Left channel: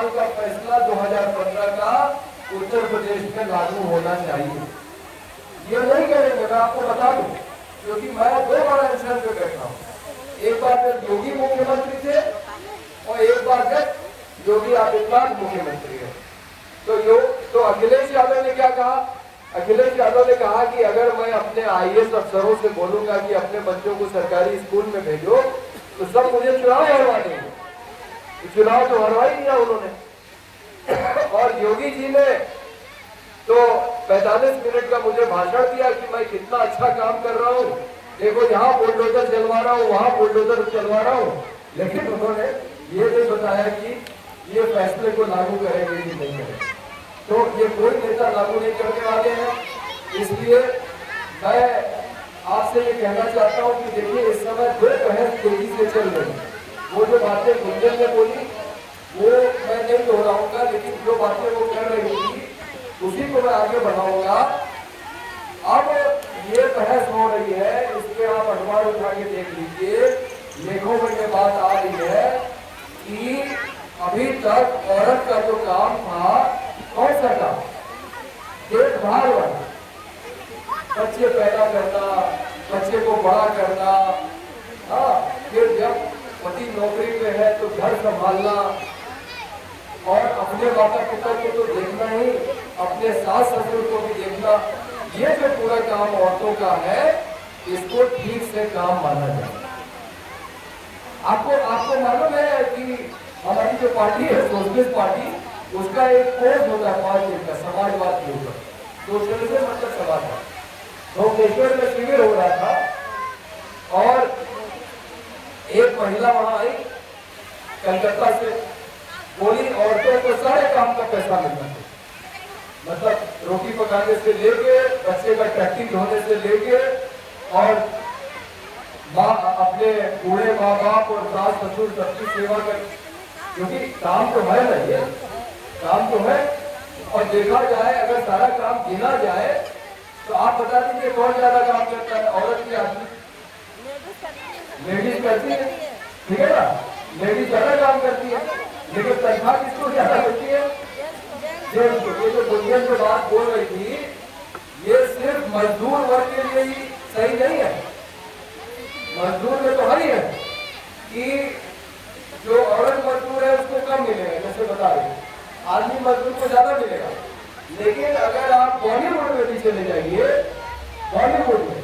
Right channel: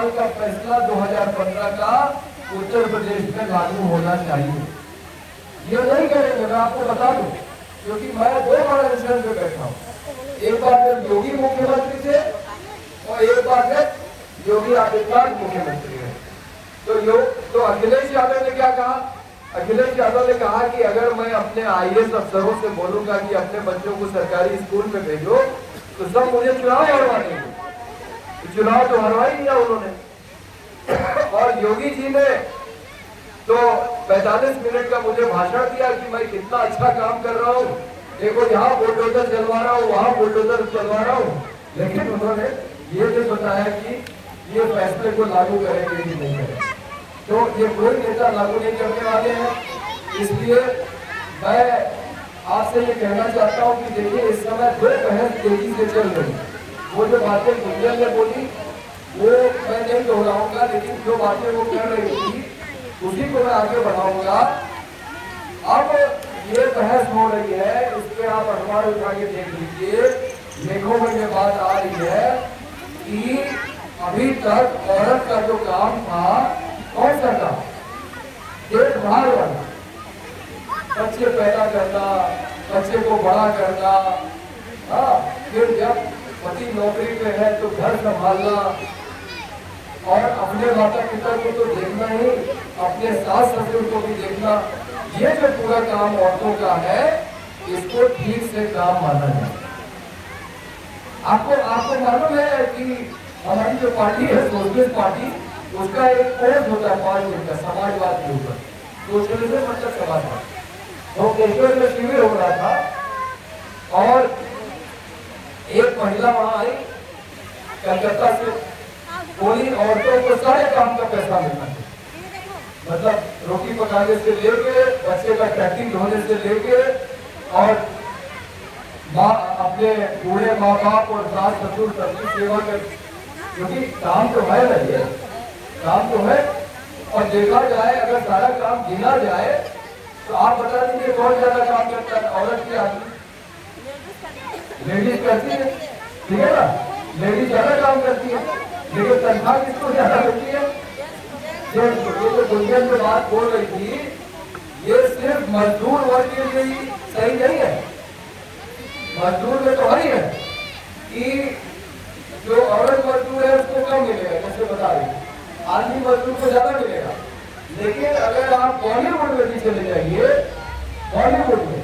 साल का फैसला 2015 का उत्तर प्रदेश में लागू होना चाहिए। ये नहीं करेंगे, मैं आपको बता दूं, क्योंकि मैं 2 बार इंसिडेंट में बैठा हूँ। एक बार जब योगी मुख्यमंत्री थे और एक बार जब योगी आदित्यनाथ मुख्यमंत्री है। तो अखिलेश यादव ने क्या कहा? अखिलेश यादव ने कहा कि अगर मैं अपने IAS अफसरों से बोलूंगा कि अपने बच्चों को सरकारी स्कूल में भेजो तो सब मुझे चुनाव हरवा देंगे। चुनाव तो हरवा ही दिया उन्होंने। और योगी जी ने तो 45 मिनट का मुझे भाषण दिया कि मैं कितना अच्छा काम कर रहा हूँ, देखो यहाँ बुलडोजर चलवा रहा हूँ, वहाँ बुलडोजर चलवा रहा हूँ। लेकिन उन्होंने ये भी बताया कि ये फैसले को लागू करेंगे कि नहीं करेंगे। तो ये कोई नेता लागू नहीं करने वाले हैं। इसलिए मैं आपसे ये कहना चाहता हूँ कि देखिए इस समय 2 बहस तेजी से चल रही है। वो जो बातें गुंजन ने बोली वो मैं नहीं दोहराऊंगा, लेकिन जो बातें वो कर रही थी उसी को मैं आगे बढ़ाऊंगा। अब ये बहस हो रही है, इसके आप अखबार उठा के देख लीजिए, लेखों में ये बात आ रही है कि अभी तक औरत का जो काम था कौन सा था? देखभाल वाला, बच्चे पैदा करना, बच्चे को बड़ा करना, फिर जब पति नौकरी पे है तो घर संभालना और अपने माता पिता को तो देखना ही, अपने सास ससुर को भी देखना। ये जो पूरा काम औरतों का है, इसको ठीक से काम माना जाए। आपको मालूम है कि हमारी जो पार्टी है सोशलिस्ट पार्टी, उसका एक कोर्स होता है 5 दिन का समाजवाद के ऊपर, सोशलिज्म मतलब सवाल था। भुवनेश्वर में शिविर हो रहा था और एक महिला वहां आई कलकत्ता से, बोली औरतों को सारे काम का पैसा मिलना है, मतलब रोटी पकाने से लेके बच्चे का टैक्सी धोने से लेके और अपने बूढ़े माँ बाप और सास ससुर सबकी सेवा कर, क्योंकि काम तो है ना, ये काम तो है। और देखा जाए अगर सारा काम गिना जाए तो आप बता दीजिए कौन ज्यादा काम करता है, औरत की आदमी? लेडीज करती है, ठीक है ना, लेडीज ज्यादा काम करती है, लेकिन तनख्वाह किसको ज्यादा मिलती है? ये जो दुनिया में बात बोल रही थी, ये सिर्फ मजदूर वर्ग के लिए सही नहीं है। मजदूर में तो है कि जो औरत मजदूर है उसको कम मिलेगा, जैसे बता रही है, आदमी मजदूर को ज्यादा मिलेगा। लेकिन अगर आप बॉलीवुड में भी चले जाइए, बॉलीवुड में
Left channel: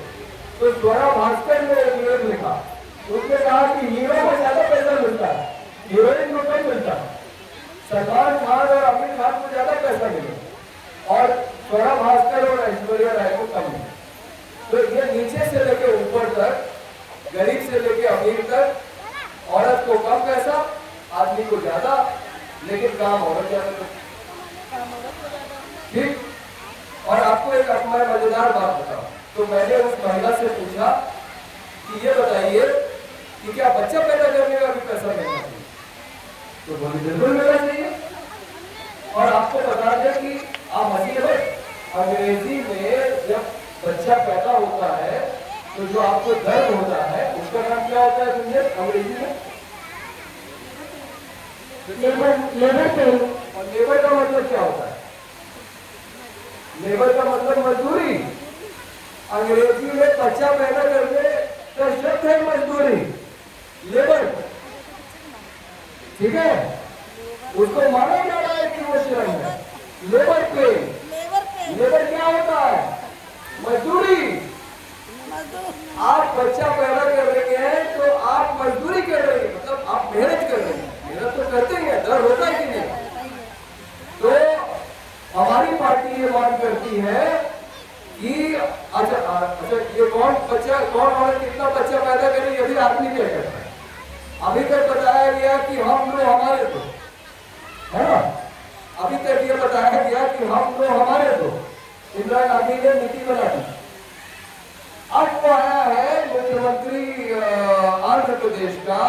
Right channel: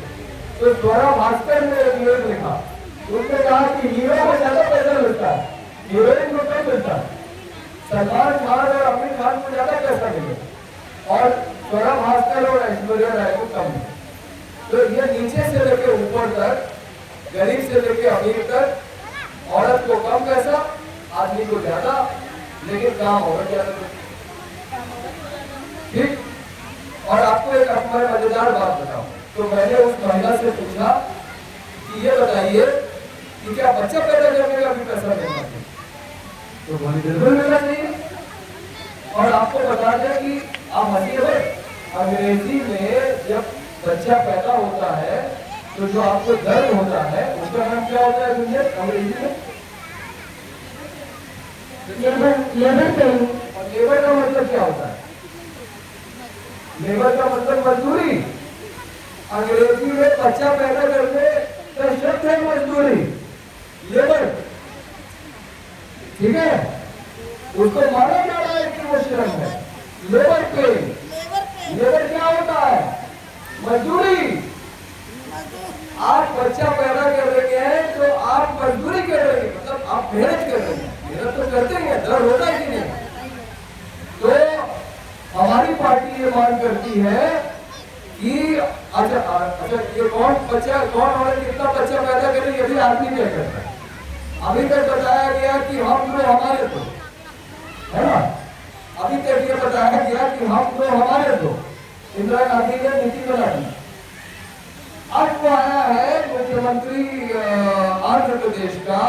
तो स्वरा भास्कर ने एक लेख लिखा, उसने कहा कि हीरो को ज्यादा पैसा मिलता है, हीरोइन को कम मिलता है। सलमान खान और आमिर खान को ज्यादा पैसा मिलेगा और स्वरा भास्कर और ऐश्वर्या राय को कम मिलेगा। तो ये नीचे से लेके ऊपर तक, गरीब से लेके अमीर तक, औरत को कम पैसा, आदमी को ज्यादा, लेकिन काम और ज्यादा। ठीक। और आपको एक अपना मजेदार बात बताऊं, तो मैंने उस महिला से पूछा कि ये बताइए कि क्या बच्चा पैदा करने का भी पैसा मिलना चाहिए? तो बोली बिल्कुल मिलना चाहिए। और आपको बता दें कि आप हंसी है, अंग्रेजी में जब बच्चा पैदा होता है तो जो आपको दर्द होता है उसका नाम क्या होता है अंग्रेजी में? लेबर। और लेबर का मतलब क्या होता है? लेबर का मतलब मजदूरी। अंग्रेजी में बच्चा पैदा करने का शब्द है मजदूरी, लेबर, ठीक है? उसको माना जा रहा है कि वो श्रम है, लेबर पे। लेबर क्या होता है? मजदूरी। आप बच्चा पैदा कर रहे हैं तो आप मजदूरी कर रहे हैं, मतलब आप मेहनत कर रहे हैं। मेहनत तो करते ही है, डर होता है कि नहीं? तो हमारी पार्टी ये मांग करती है कि अच्छा ये कौन औरत कितना बच्चा पैदा करे, ये भी आदमी नहीं करता। अभी तक बताया गया कि हम लोग हमारे दो, है ना? अभी तक ये बताया गया कि हम लोग हमारे दो, इंदिरा गांधी ने नीति बना दी। आज वो आया है मुख्यमंत्री आंध्र प्रदेश का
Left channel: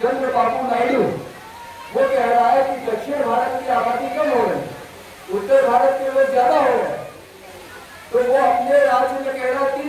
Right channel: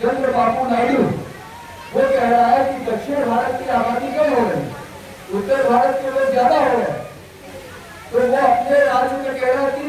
चंद्रबाबू नायडू, वो कह रहा है कि दक्षिण भारत की आबादी कम हो रही, उत्तर भारत के लोग ज्यादा हो रहे हैं। तो वो अपने राज्य में कह रहा है कि